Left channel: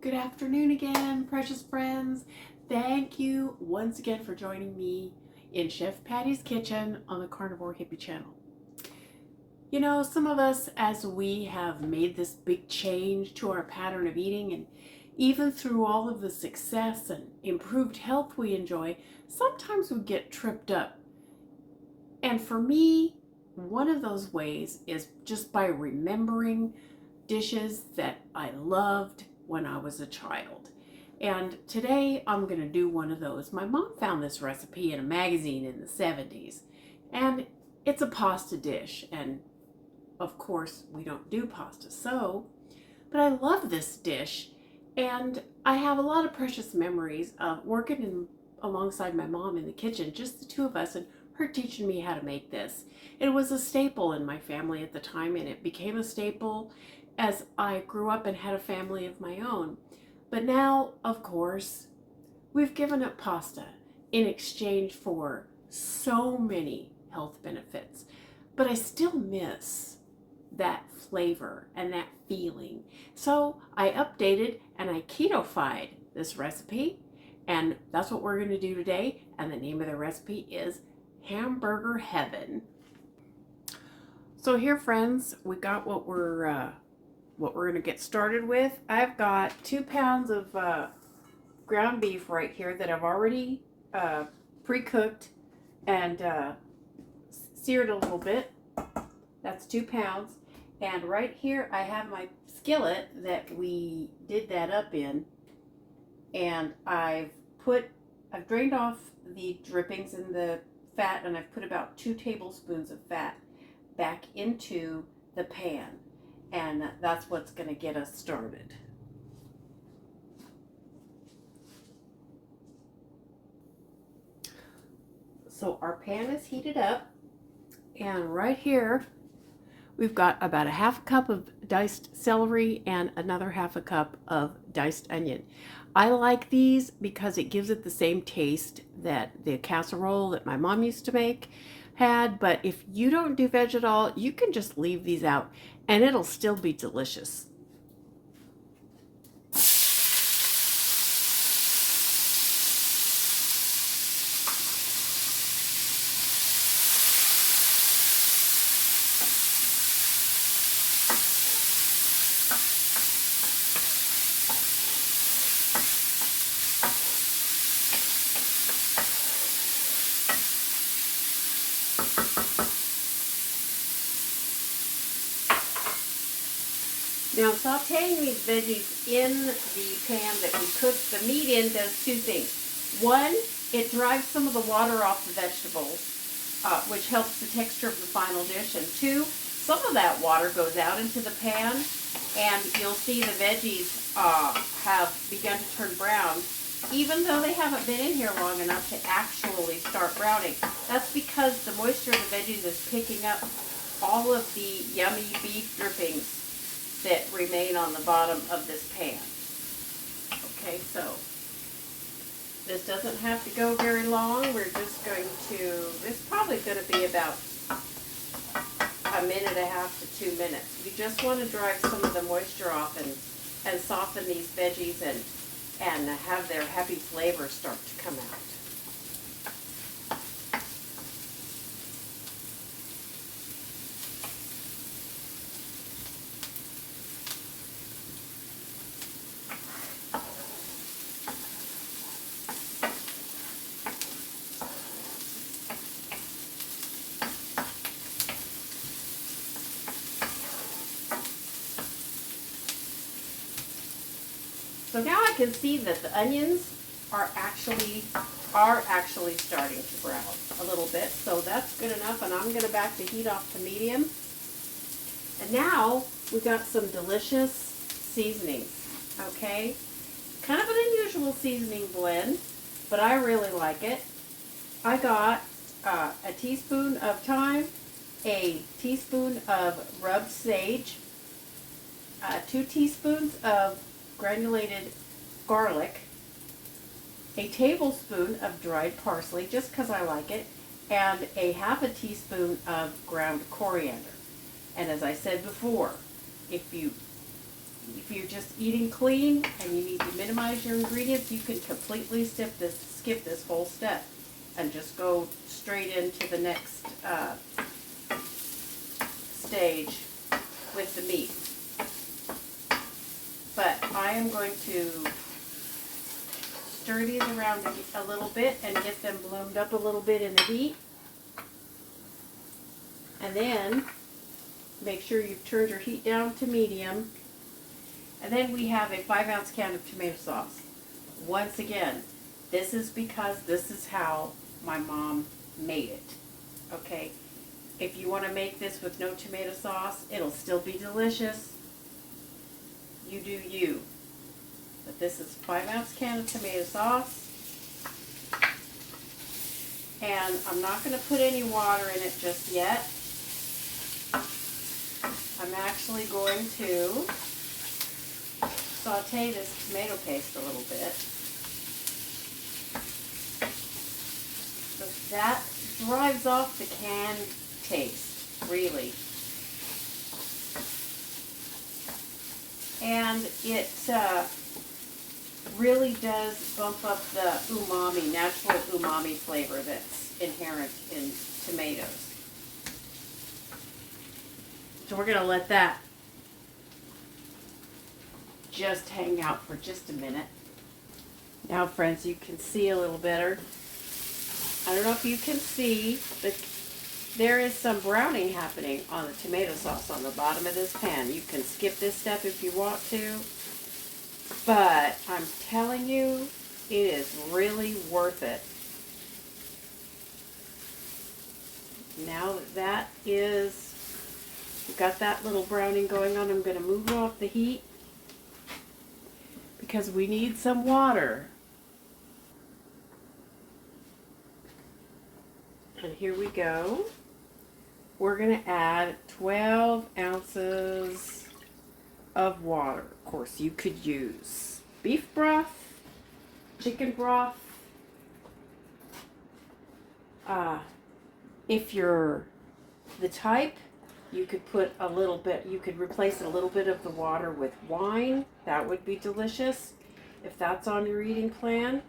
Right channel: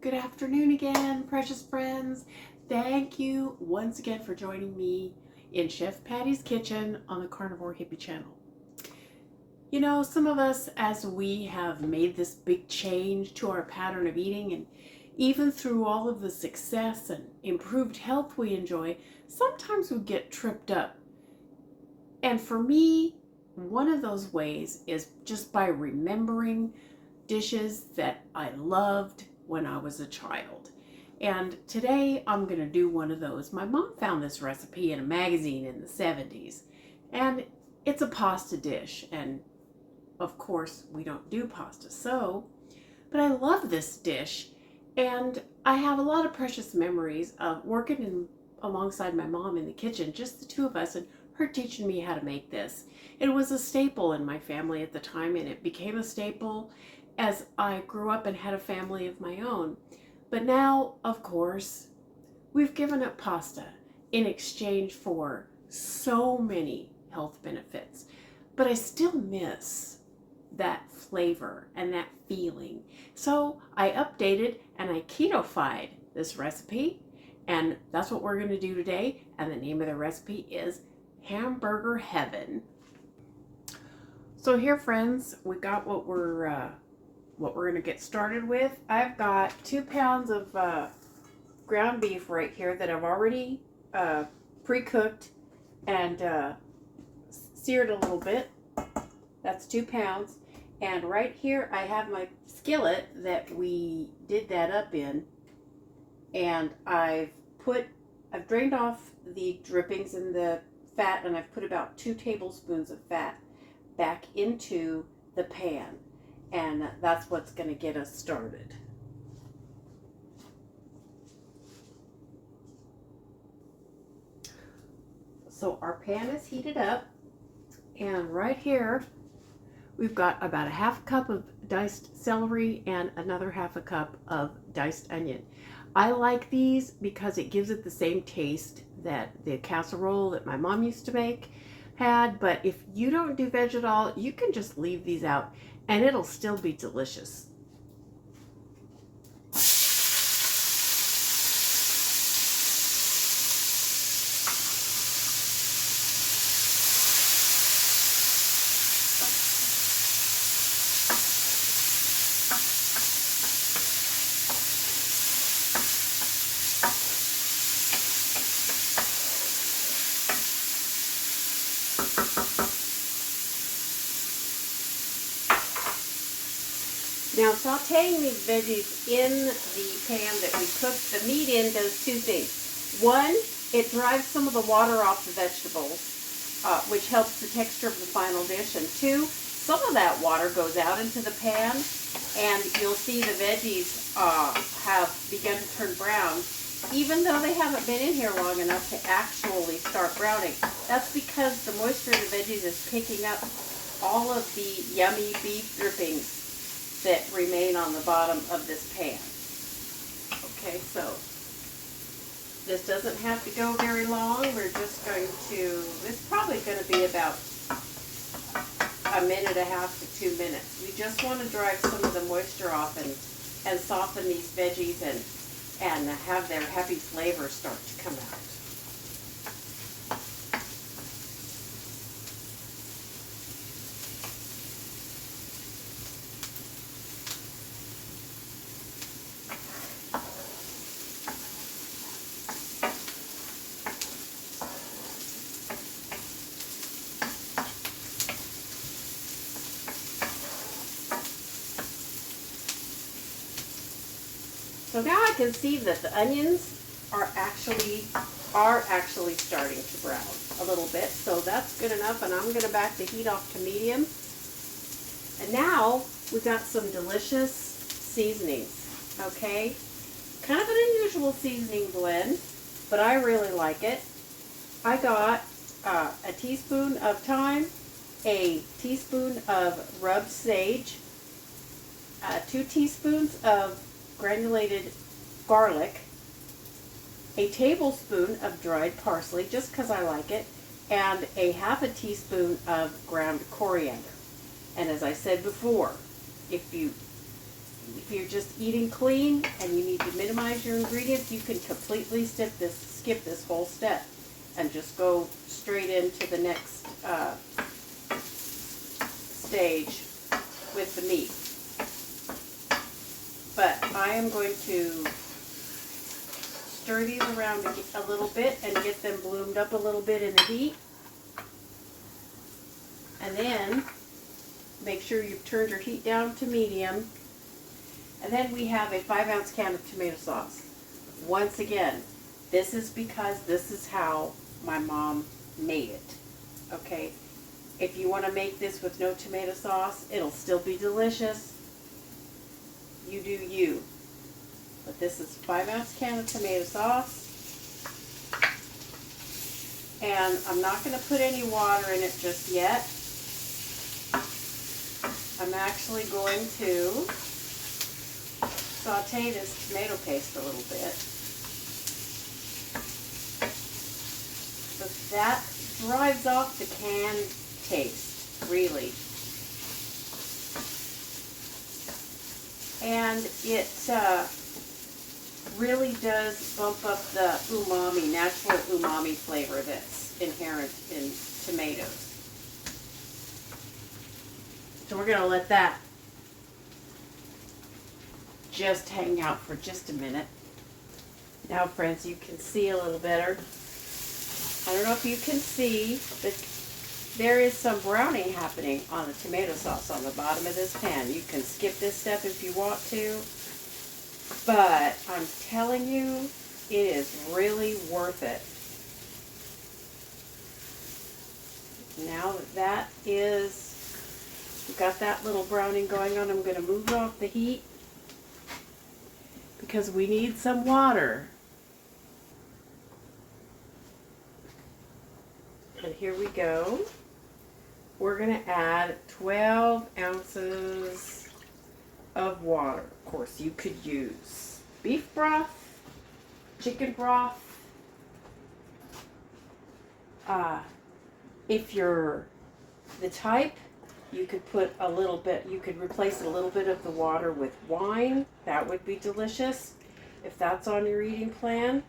Good afternoon again, precious friends. Thank you once again for joining me in Chef Patty's Kitchen on the Carnivore Hippie channel. You know, some of us, as we have made this big change to our pattern of eating, and even through all of the success and improved health we enjoy, sometimes we get tripped up. And for me, one of those ways is just by remembering dishes that I loved when I was a child. And today I'm going to do one of those. My mom found this recipe in a magazine in the 70s, and it's a pasta dish. And of course, we don't do pasta, but I love this dish, and I have a lot of precious memories of working alongside my mom in the kitchen, just the two of us, and her teaching me how to make this. It was a staple in my family at the time, and it became a staple as I grew up and had a family of my own. But now, of course, we've given up pasta in exchange for so many health benefits. But I still miss that flavor and that feeling. So I updated and I keto-fied this recipe, and that's what we're going to do today. And the name of the recipe is Hamburger Heaven. So here, friends, we got what we're going to get started with. I've got 2 pounds of ground beef right here that I've already pre-cooked and seared a little bit. That's 2 pounds. And right here I have my skillet that we did that up in, and I've drained off the drippings and the fat, and I've put about 2 tablespoons of fat back into the pan, and that's what's going to get us started. So our pan is heated up, and right here we've got about a half cup of diced celery and another half a cup of diced onion. I like these because it gives it the same taste that the casserole that my mom used to make had, but if you don't do veg at all, you can just leave these out and it'll still be delicious. Now, sauteing these veggies in the pan that we cooked the meat in does 2 things. One, it drives some of the water off the vegetables, which helps the texture of the final dish. And 2, some of that water goes out into the pan, and you'll see the veggies have begun to turn brown, even though they haven't been in here long enough to actually start browning. That's because the moisture of the veggies is picking up all of the yummy beef drippings that remain on the bottom of this pan. Okay, so this doesn't have to go very long. We're just going to, this is probably going to be about 1.5 to 2 minutes. We just want to drive some of the moisture off and soften these veggies and have their happy flavor start to come out. So now I can see that the onions are actually starting to brown a little bit. So that's good enough, and I'm going to back the heat off to medium. And now we've got some delicious seasonings, okay? Kind of an unusual seasoning blend, but I really like it. I got a teaspoon of thyme, a teaspoon of rubbed sage, 2 teaspoons of granulated garlic, a tablespoon of dried parsley, just because I like it, and a half a teaspoon of ground coriander. And as I said before, if you if you're just eating clean and you need to minimize your ingredients, you can completely skip this whole step and just go straight into the next stage with the meat. But I am going to stir these around a little bit and get them bloomed up a little bit in the heat. And then make sure you've turned your heat down to medium. And then we have a 5-ounce can of tomato sauce. Once again, this is because this is how my mom made it. Okay? If you want to make this with no tomato sauce, it'll still be delicious. You do you. But this is a 5-ounce can of tomato sauce. And I'm not going to put any water in it just yet. I'm actually going to saute this tomato paste a little bit. So that drives off the canned taste, really. And it really does bump up the umami, natural umami flavor that's inherent in tomatoes. So we're going to let that just hang out for just a minute. Now, friends, you can see a little better. I don't know if you can see, but there is some browning happening on the tomato sauce on the bottom of this pan. You can skip this step if you want to, but I'm telling you, it is really worth it. Now that we've got that little browning going on, I'm going to move off the heat because we need some water. And here we go. We're going to add 12 ounces of water. Of course, you could use beef broth, chicken broth. If you're the type, you could put a little bit, you could replace a little bit of the water with wine. That would be delicious if that's on your eating plan.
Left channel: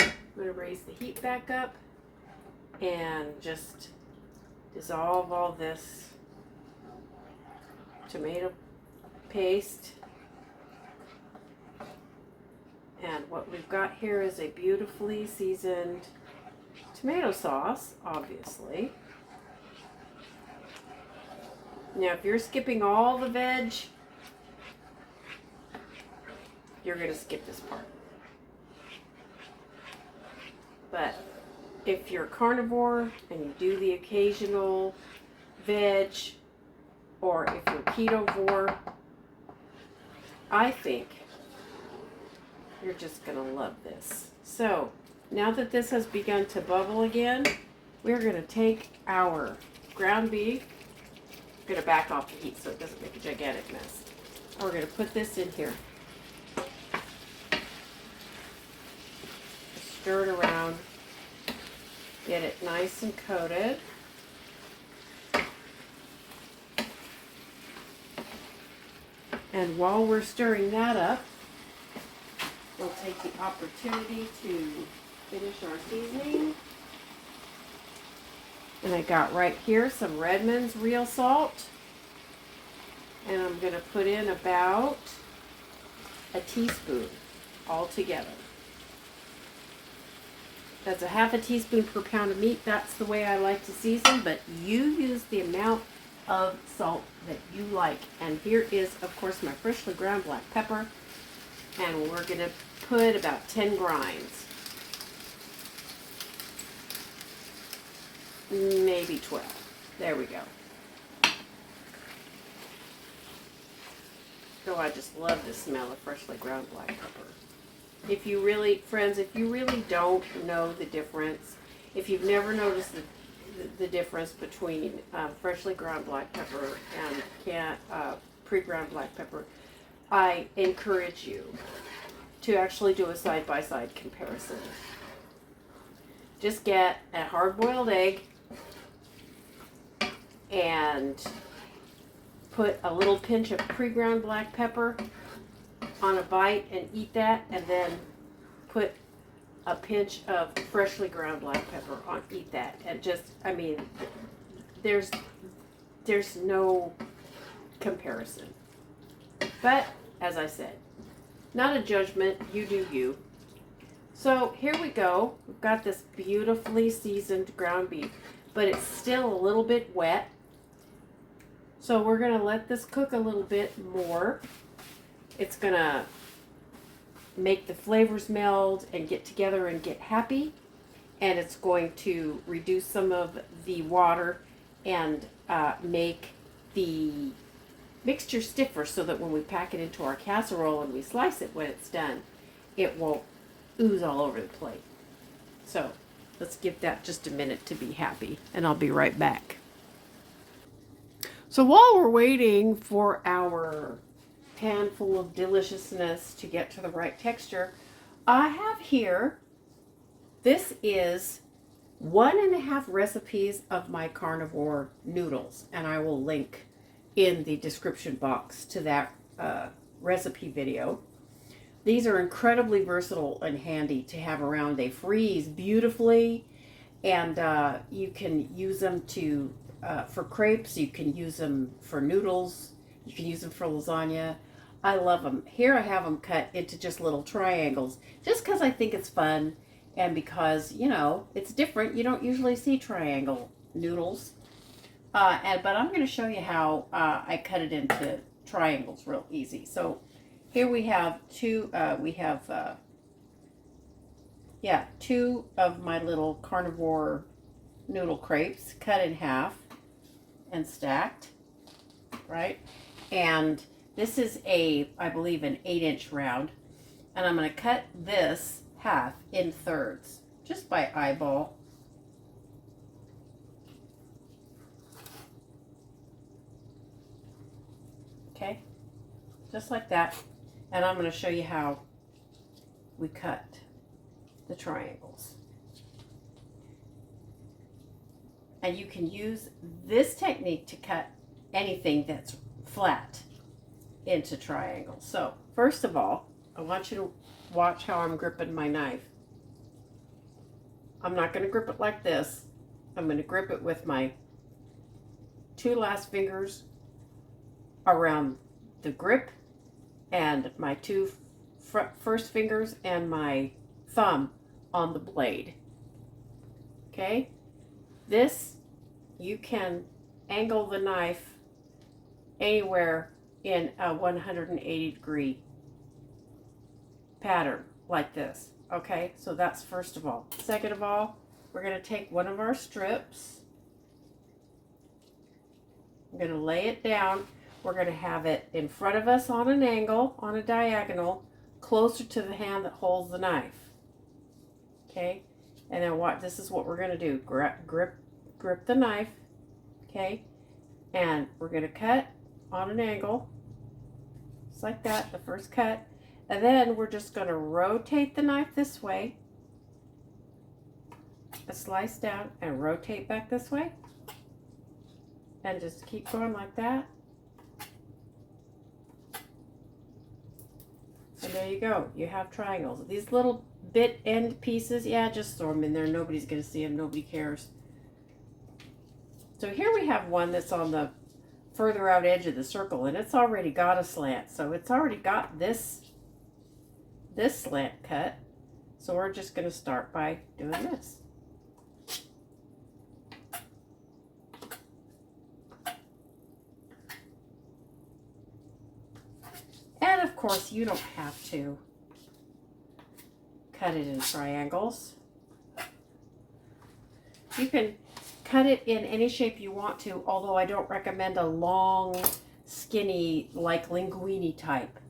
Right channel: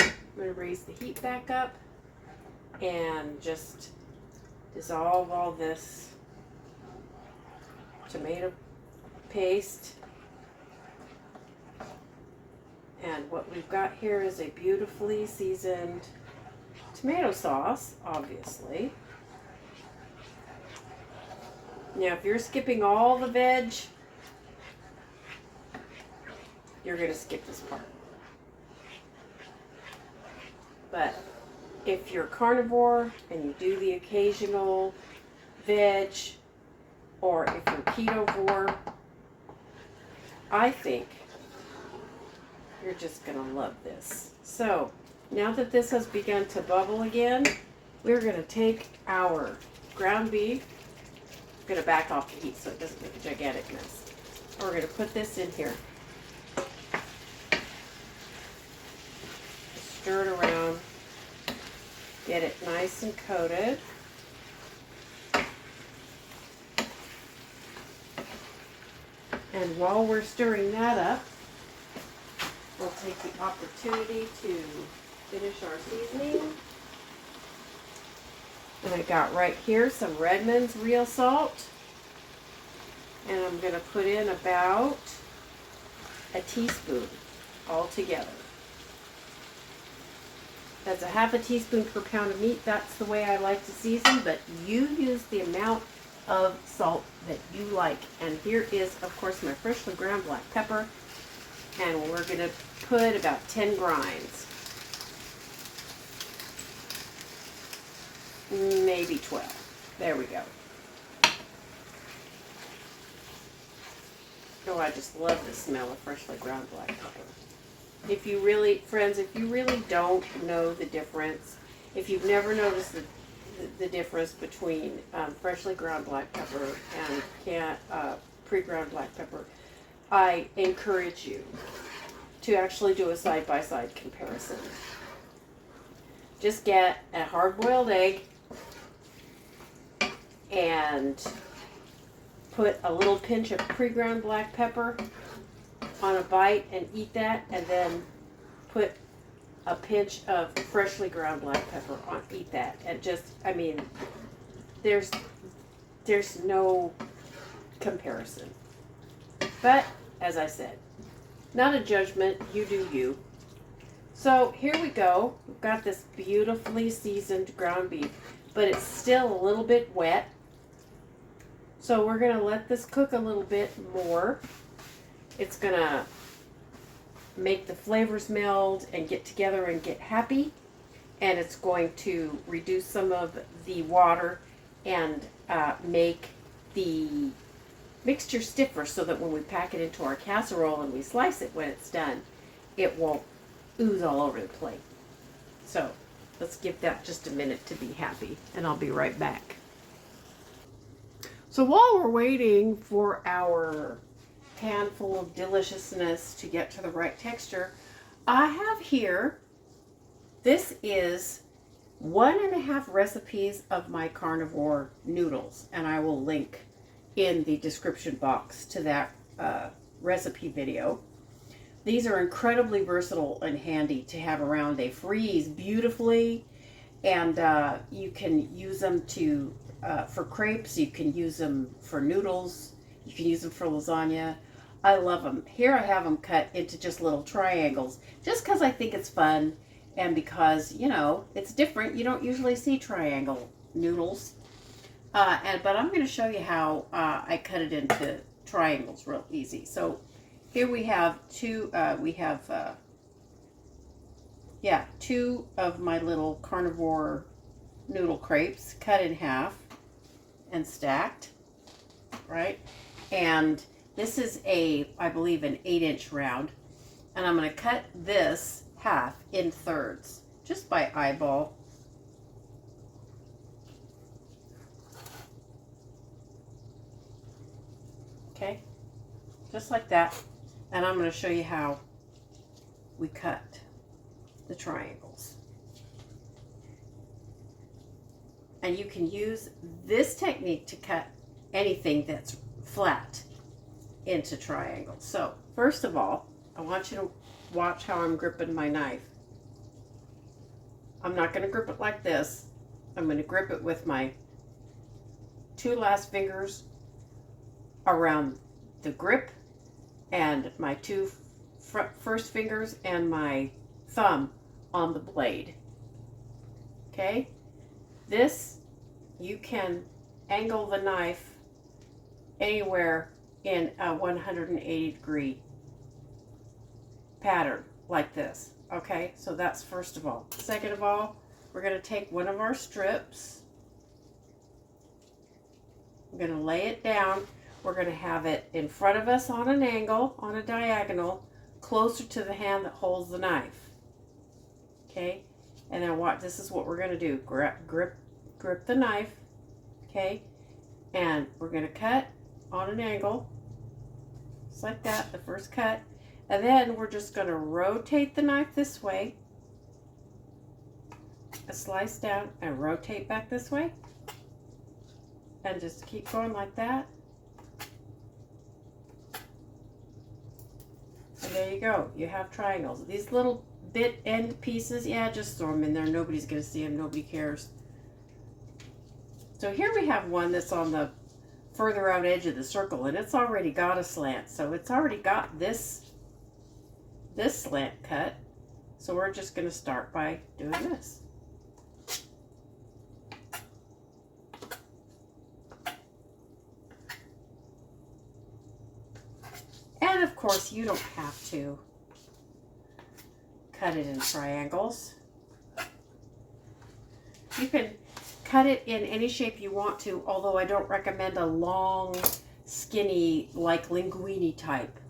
I'm going to raise the heat back up and just dissolve all this tomato paste. And what we've got here is a beautifully seasoned tomato sauce, obviously. Now, if you're skipping all the veg, you're going to skip this part. But if you're carnivore and you do the occasional veg, or if you're ketovore, I think you're just going to love this. So, now that this has begun to bubble again, we're going to take our ground beef. I'm going to back off the heat so it doesn't make a gigantic mess. We're going to put this in here. Stir it around. Get it nice and coated. And while we're stirring that up, we'll take the opportunity to finish our seasoning. And I got right here some Redmond's real salt. And I'm going to put in about a teaspoon altogether. That's a half a teaspoon per pound of meat. That's the way I like to season, but you use the amount of salt that you like. And here is, of course, my freshly ground black pepper. And we're going to put about 10 grinds. Maybe 12. There we go. Oh, I just love the smell of freshly ground black pepper. If you really, friends, if you really don't know the difference, if you've never noticed the difference between freshly ground black pepper and pre-ground black pepper, I encourage you to actually do a side-by-side comparison. Just get a hard-boiled egg and put a little pinch of pre-ground black pepper on a bite and eat that, and then put a pinch of freshly ground black pepper on, eat that, and just, I mean, there's no comparison. But as I said, not a judgment, you do you. So here we go. We've got this beautifully seasoned ground beef, but it's still a little bit wet. So we're going to let this cook a little bit more. It's going to make the flavors meld and get together and get happy. And it's going to reduce some of the water and make the mixture stiffer so that when we pack it into our casserole and we slice it when it's done, it won't ooze all over the plate. So let's give that just a minute to be happy, and I'll be right back. So while we're waiting for our pan full of deliciousness to get to the right texture, I have here, this is 1.5 recipes of my carnivore noodles, and I will link in the description box to that recipe video. These are incredibly versatile and handy to have around. They freeze beautifully, and you can use them to for crepes. You can use them for noodles. You can use them for lasagna. I love them. Here I have them cut into just little triangles, just because I think it's fun, and because, you know, it's different. You don't usually see triangle noodles. But I'm going to show you how I cut it into triangles real easy. So here we have two of my little carnivore noodle crepes cut in half and stacked, right? And this is I believe an 8-inch round. And I'm going to cut this half in thirds, just by eyeball. Okay, just like that. And I'm going to show you how we cut the triangles. And you can use this technique to cut anything that's flat into triangles. So first of all, I want you to watch how I'm gripping my knife. I'm not going to grip it like this. I'm going to grip it with my 2 last fingers around the grip, and my 2 first fingers and my thumb on the blade. Okay, this, you can angle the knife anywhere in a 180-degree pattern like this. Okay, so that's first of all. Second of all, we're going to take one of our strips. I'm going to lay it down. We're going to have it in front of us on an angle, on a diagonal, closer to the hand that holds the knife. Okay, and then this is what we're going to do. Grip the knife, okay, and we're going to cut on an angle, just like that, the first cut, and then we're just going to rotate the knife this way, a slice down, and rotate back this way, and just keep going like that. And there you go. You have triangles. These little bit end pieces, yeah, just throw them in there. Nobody's going to see them. Nobody cares. So here we have one that's on the further out edge of the circle, and it's already got a slant. So it's already got this slant cut. So we're just going to start by doing this. And of course, you don't have to cut it in triangles. You can cut it in any shape you want to, although I don't recommend a long, skinny, like linguine type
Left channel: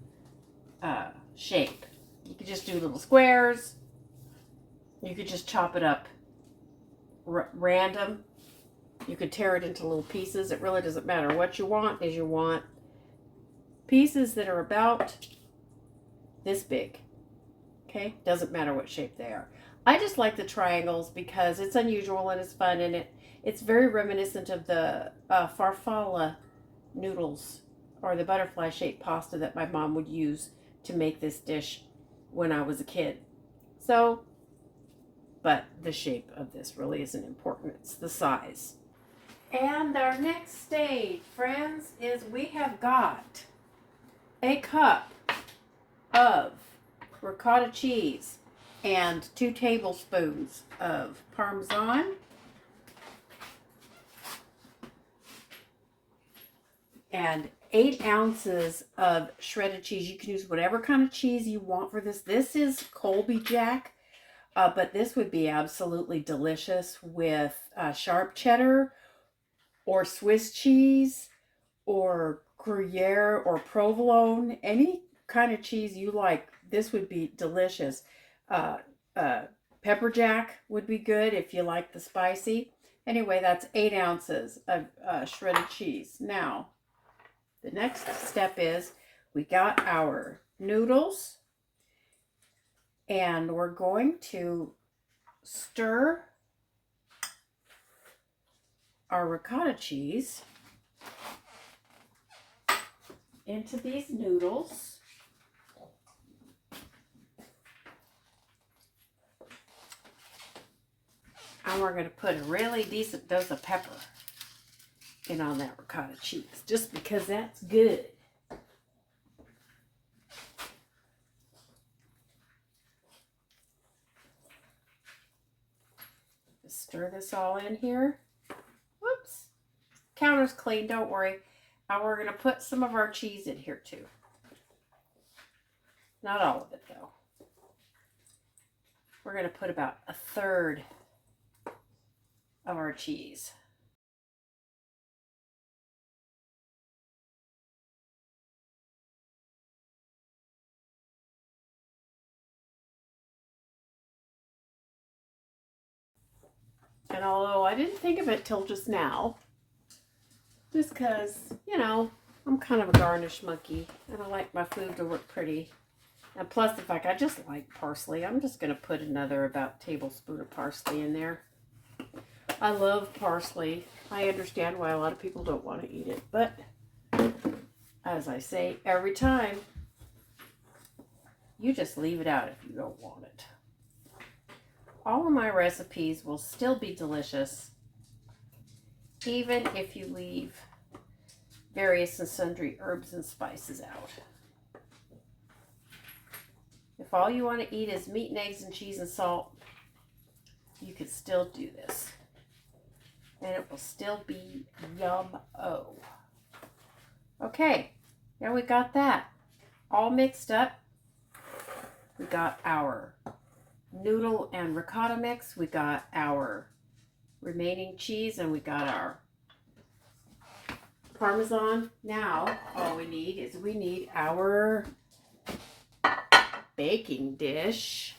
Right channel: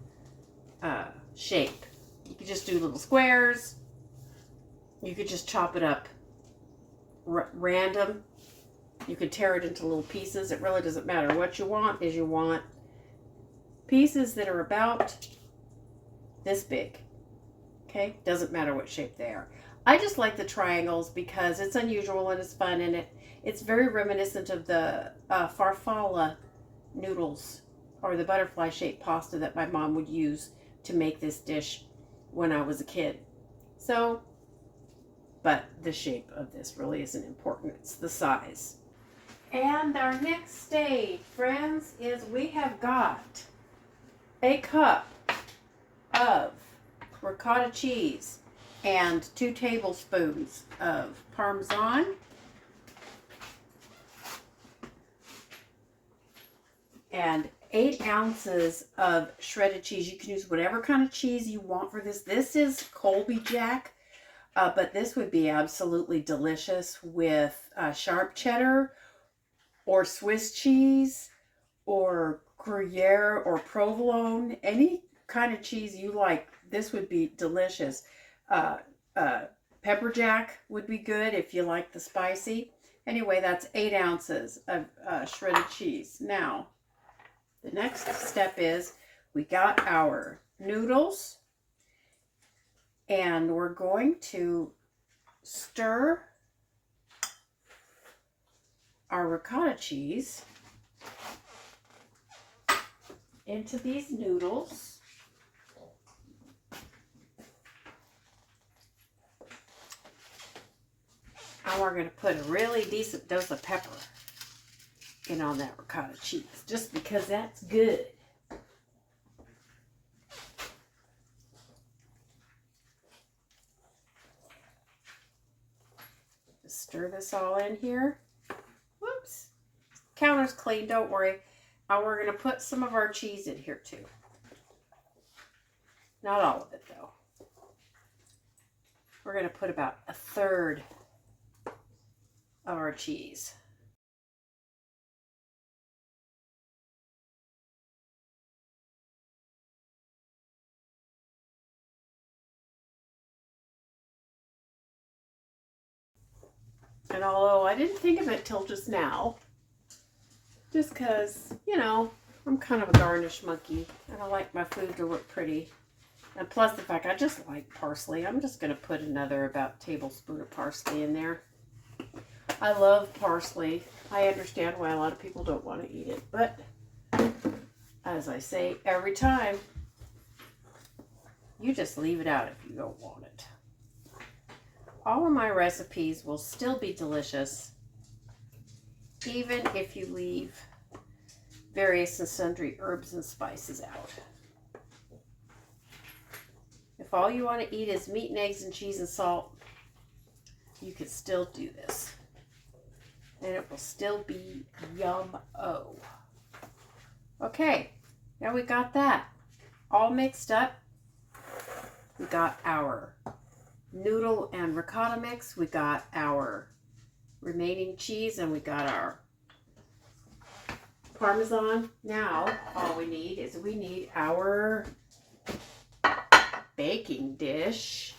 shape. You could just do little squares. You could just chop it up random. You could tear it into little pieces. It really doesn't matter. What you want is you want pieces that are about this big. Okay, doesn't matter what shape they are. I just like the triangles because it's unusual and it's fun, and it's very reminiscent of the farfalle noodles or the butterfly shaped pasta that my mom would use to make this dish when I was a kid. So, but the shape of this really isn't important. It's the size. And our next stage, friends, is we have got a cup of ricotta cheese and 2 tablespoons of Parmesan, and 8 ounces of shredded cheese. You can use whatever kind of cheese you want for this. This is Colby Jack, but this would be absolutely delicious with sharp cheddar or Swiss cheese or Gruyere or provolone. Any kind of cheese you like, this would be delicious. Pepper jack would be good if you like the spicy. Anyway, that's 8 ounces of shredded cheese. Now, the next step is we got our noodles, and we're going to stir our ricotta cheese into these noodles. And we're going to put a really decent dose of pepper in on that ricotta cheese, just because that's good. Just stir this all in here. Whoops. Counter's clean, don't worry. Now we're going to put some of our cheese in here too. Not all of it though. We're going to put about 1/3 of our cheese. And although I didn't think of it till just now, just because, you know, I'm kind of a garnish monkey and I like my food to look pretty. And plus the fact I just like parsley, I'm just going to put another about tablespoon of parsley in there. I love parsley. I understand why a lot of people don't want to eat it, but as I say every time, you just leave it out if you don't want it. All of my recipes will still be delicious, even if you leave various and sundry herbs and spices out. If all you want to eat is meat and eggs and cheese and salt, you can still do this. And it will still be yum-o. Okay, now we got that all mixed up. We got our noodle and ricotta mix. We got our remaining cheese, and we got our Parmesan. Now, all we need is our baking dish.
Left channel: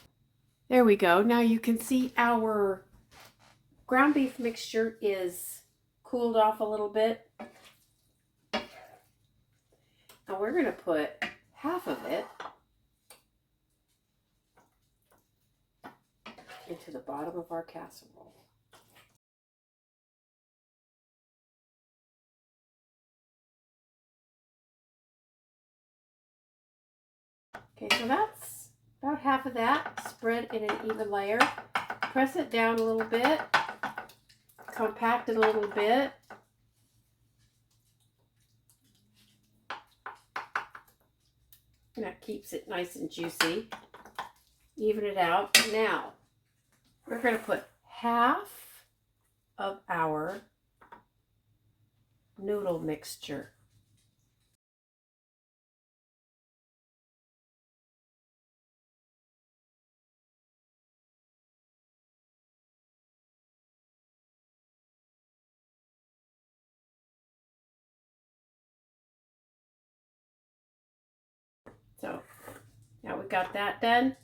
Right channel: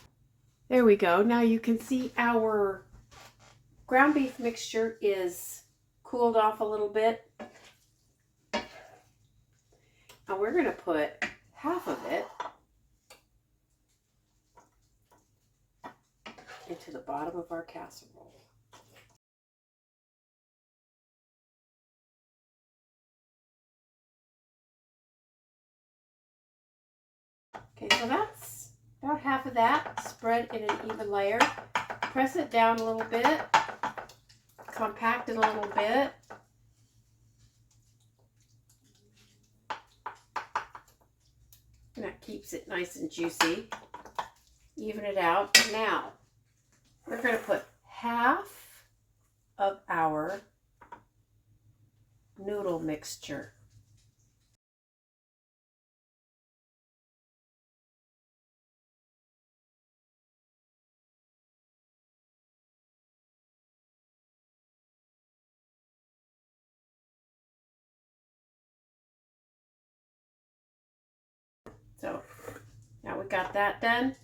There we go. Now you can see our ground beef mixture is cooled off a little bit. And we're going to put half of it into the bottom of our casserole. Okay, so that's about half of that spread in an even layer. Press it down a little bit, compact it a little bit. And that keeps it nice and juicy. Even it out. Now, we're going to put half of our noodle mixture. So now we got that done.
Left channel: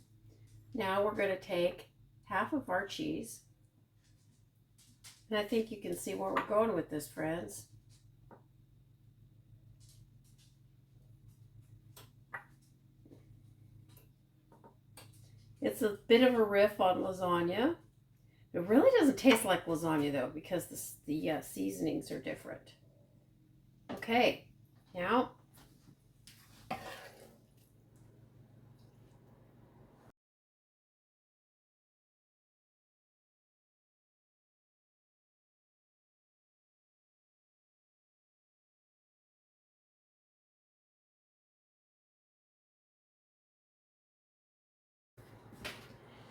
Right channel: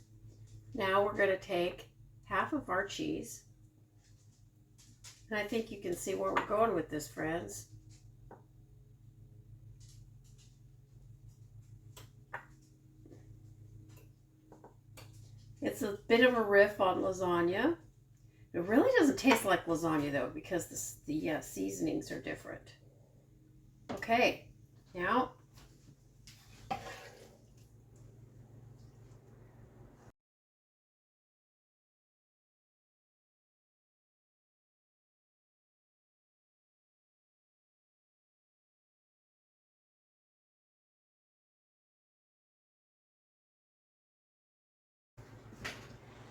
Now we're going to take half of our cheese. And I think you can see where we're going with this, friends. It's a bit of a riff on lasagna. It really doesn't taste like lasagna though, because the seasonings are different. Okay, now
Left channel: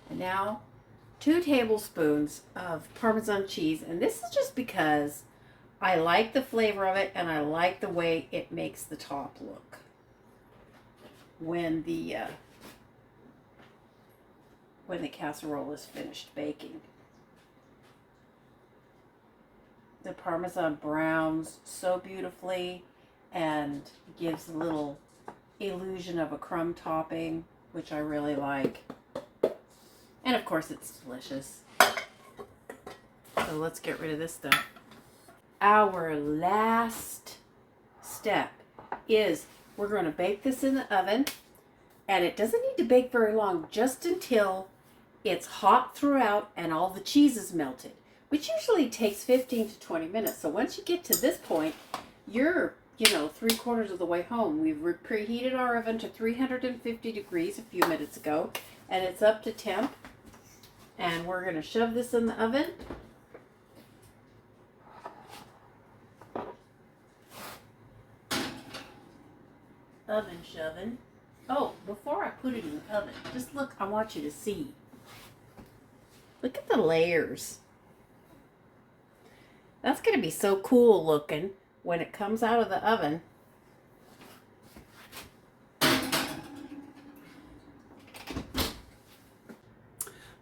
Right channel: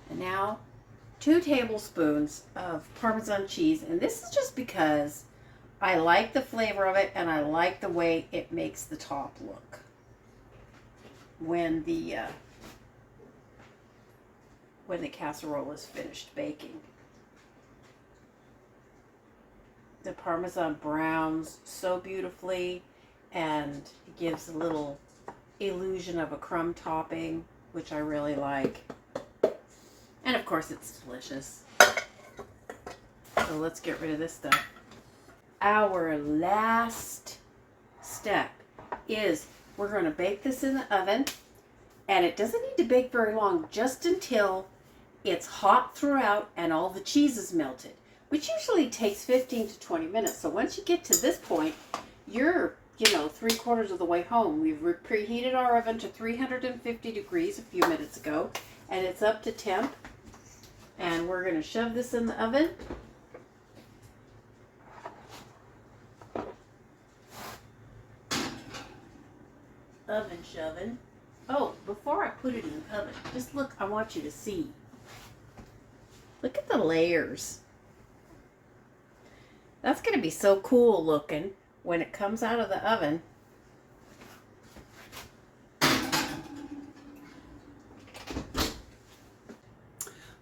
now 2 tablespoons of Parmesan cheese, and this is just because I like the flavor of it and I like the way it makes the top look when the casserole is finished baking. The Parmesan browns so beautifully and gives a little illusion of a crumb topping, which I really like. And of course it's delicious. So let's get rid of this stuff. Our last step is we're going to bake this in the oven, and it doesn't need to bake very long, just until it's hot throughout and all the cheese is melted, which usually takes 15 to 20 minutes. So once you get to this point, you're 3/4 of the way home. We've preheated our oven to 350 degrees a few minutes ago, and it's up to temp. And we're going to shove this in the oven. Oven shoving. Oh, before I put it in the oven, just look, I want you to see. Look at the layers. That's going to be so cool looking when it comes out of the oven.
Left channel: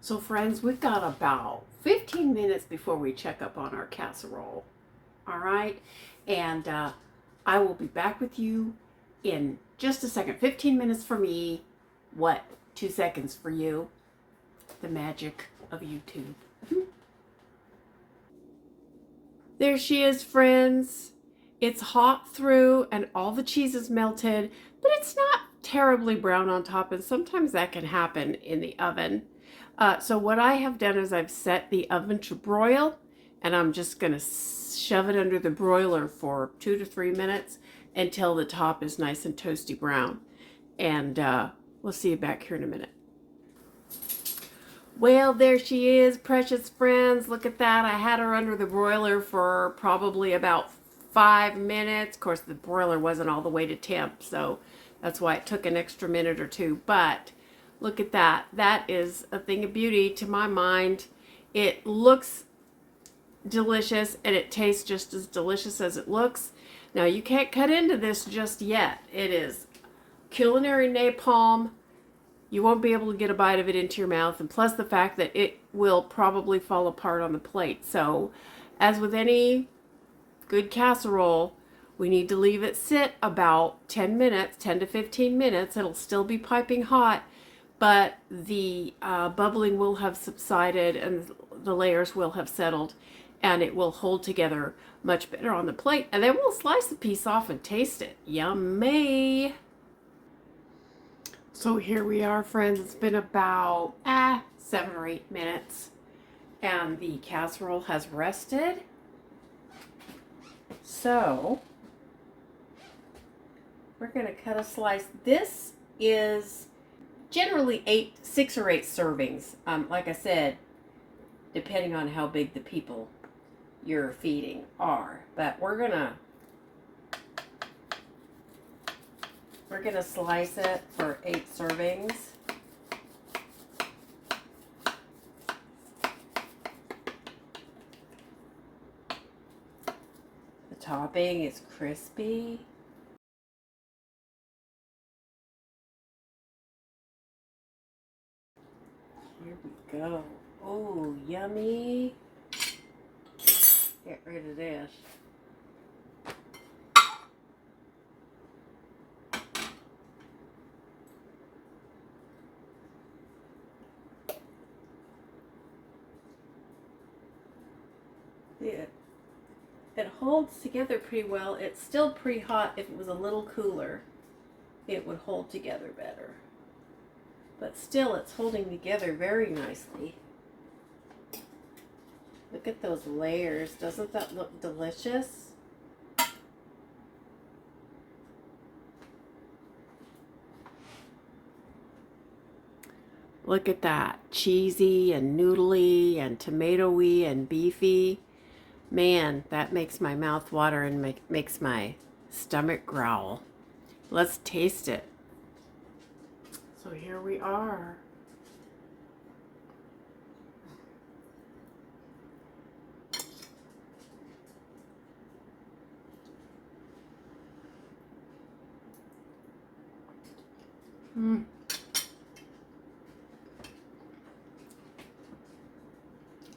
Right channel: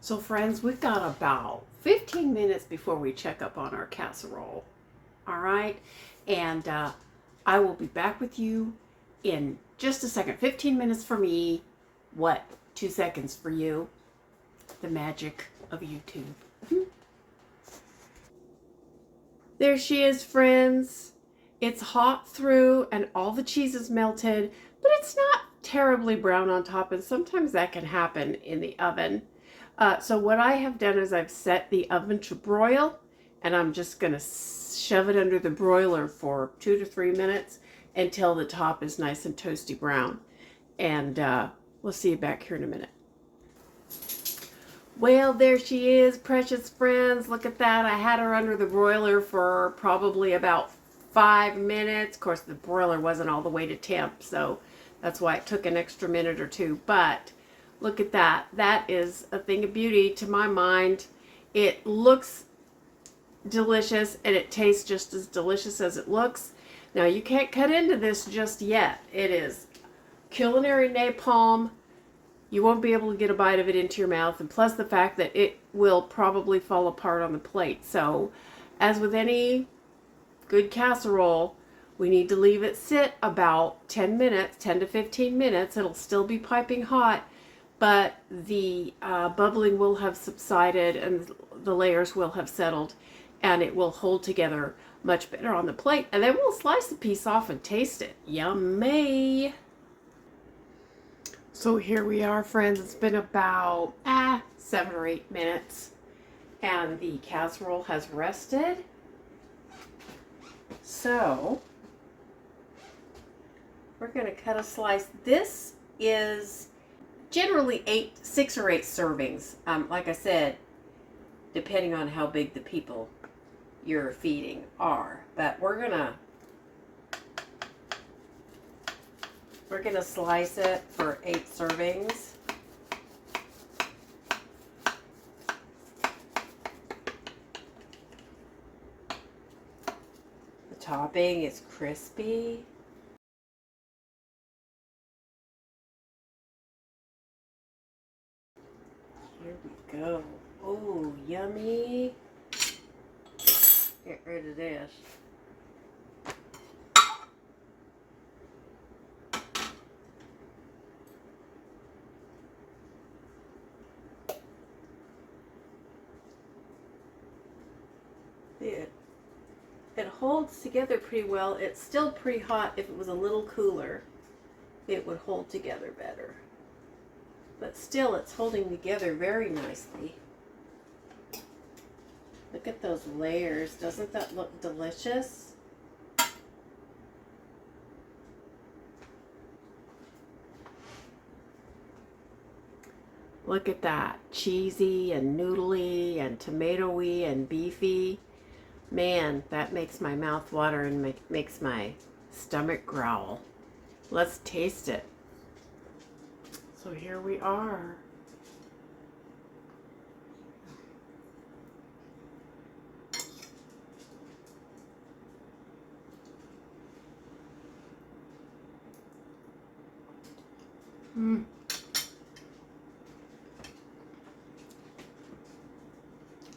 So friends, we've got about 15 minutes before we check up on our casserole. All right, and I will be back with you in just a second. 15 minutes for me, 2 seconds for you. The magic of YouTube. There she is, friends. It's hot through and all the cheese is melted, but it's not terribly brown on top, and sometimes that can happen in the oven. So what I have done is I've set the oven to broil, and I'm just going to shove it under the broiler for 2 to 3 minutes until the top is nice and toasty brown. And we'll see you back here in a minute. Well, there she is, precious friends. Look at that. I had her under the broiler for probably about 5 minutes. Of course, the broiler wasn't all the way to temp, so that's why it took an extra minute or two. But look at that. That is a thing of beauty to my mind. It looks delicious, and it tastes just as delicious as it looks. Now, you can't cut into this just yet. It is culinary napalm. You won't be able to get a bite of it into your mouth, and plus the fact that it will probably fall apart on the plate. So, as with any good casserole, we need to leave it sit about 10 minutes, 10 to 15 minutes. It'll still be piping hot, but the bubbling will have subsided and the layers will have settled, and it will hold together much better on the plate. And then we'll slice a piece off and taste it. Yummy! So here we are, friends. It's been about 7 or 8 minutes, and the casserole has rested. So we're going to cut a slice. This is generally 6 or 8 servings. Like I said, depending on how big the people you're feeding are. But we're gonna slice it for 8 servings. The topping is crispy. Here we go. Oh, yummy. Get rid of this. It holds together pretty well. It's still pretty hot. If it was a little cooler, it would hold together better. But still, it's holding together very nicely. Look at those layers. Doesn't that look delicious? Look at that. Cheesy and noodly and tomatoey and beefy. Man, that makes my mouth water and makes my stomach growl. Let's taste it. So here we are.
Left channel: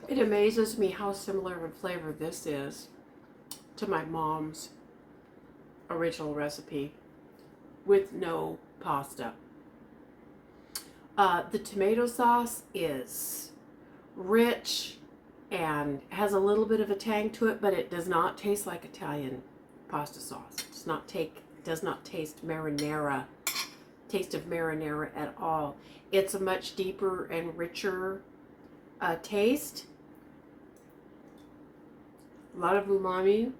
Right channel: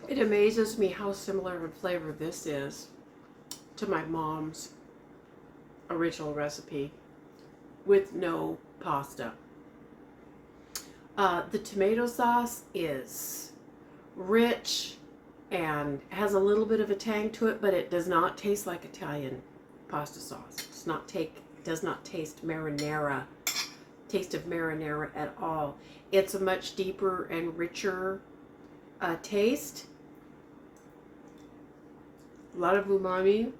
It amazes me how similar in flavor this is to my mom's original recipe with no pasta. The tomato sauce is rich and has a little bit of a tang to it, but it does not taste like Italian pasta sauce. Does not taste marinara, taste of marinara at all. It's a much deeper and richer taste. A lot of umami.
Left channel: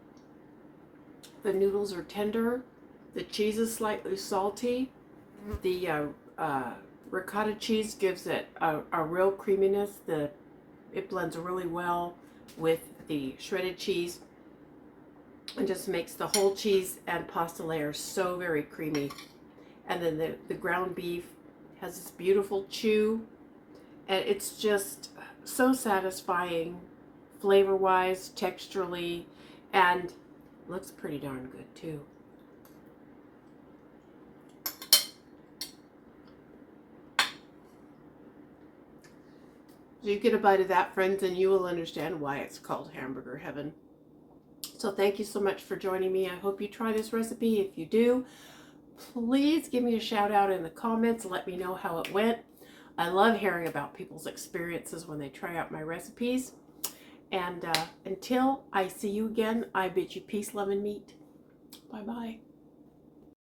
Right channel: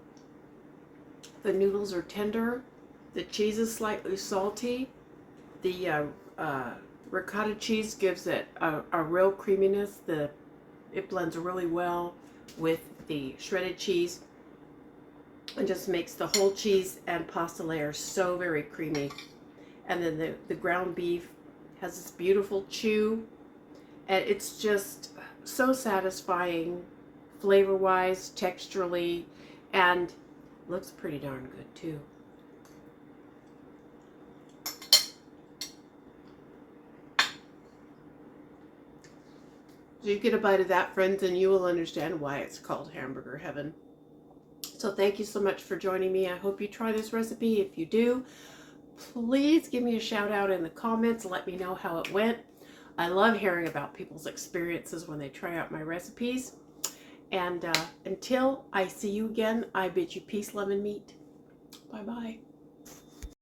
The noodles are tender. The cheese is slightly salty. The ricotta cheese gives it a real creaminess. It blends really well with the shredded cheese and just makes the whole cheese and pasta layer so very creamy. And then the ground beef has this beautiful chew, and it's just so satisfying flavor-wise, texturally, and looks pretty darn good too. So you get a bite of that, friends, and you will understand why it's called Hamburger Heaven. So thank you so much for joining me. I hope you try this recipe. If you do, please give me a shout out in the comments. Let me know how it went. I love hearing about people's experiences when they try out my recipes. And until I see you again, I bid you peace, love, and meat. Bye-bye.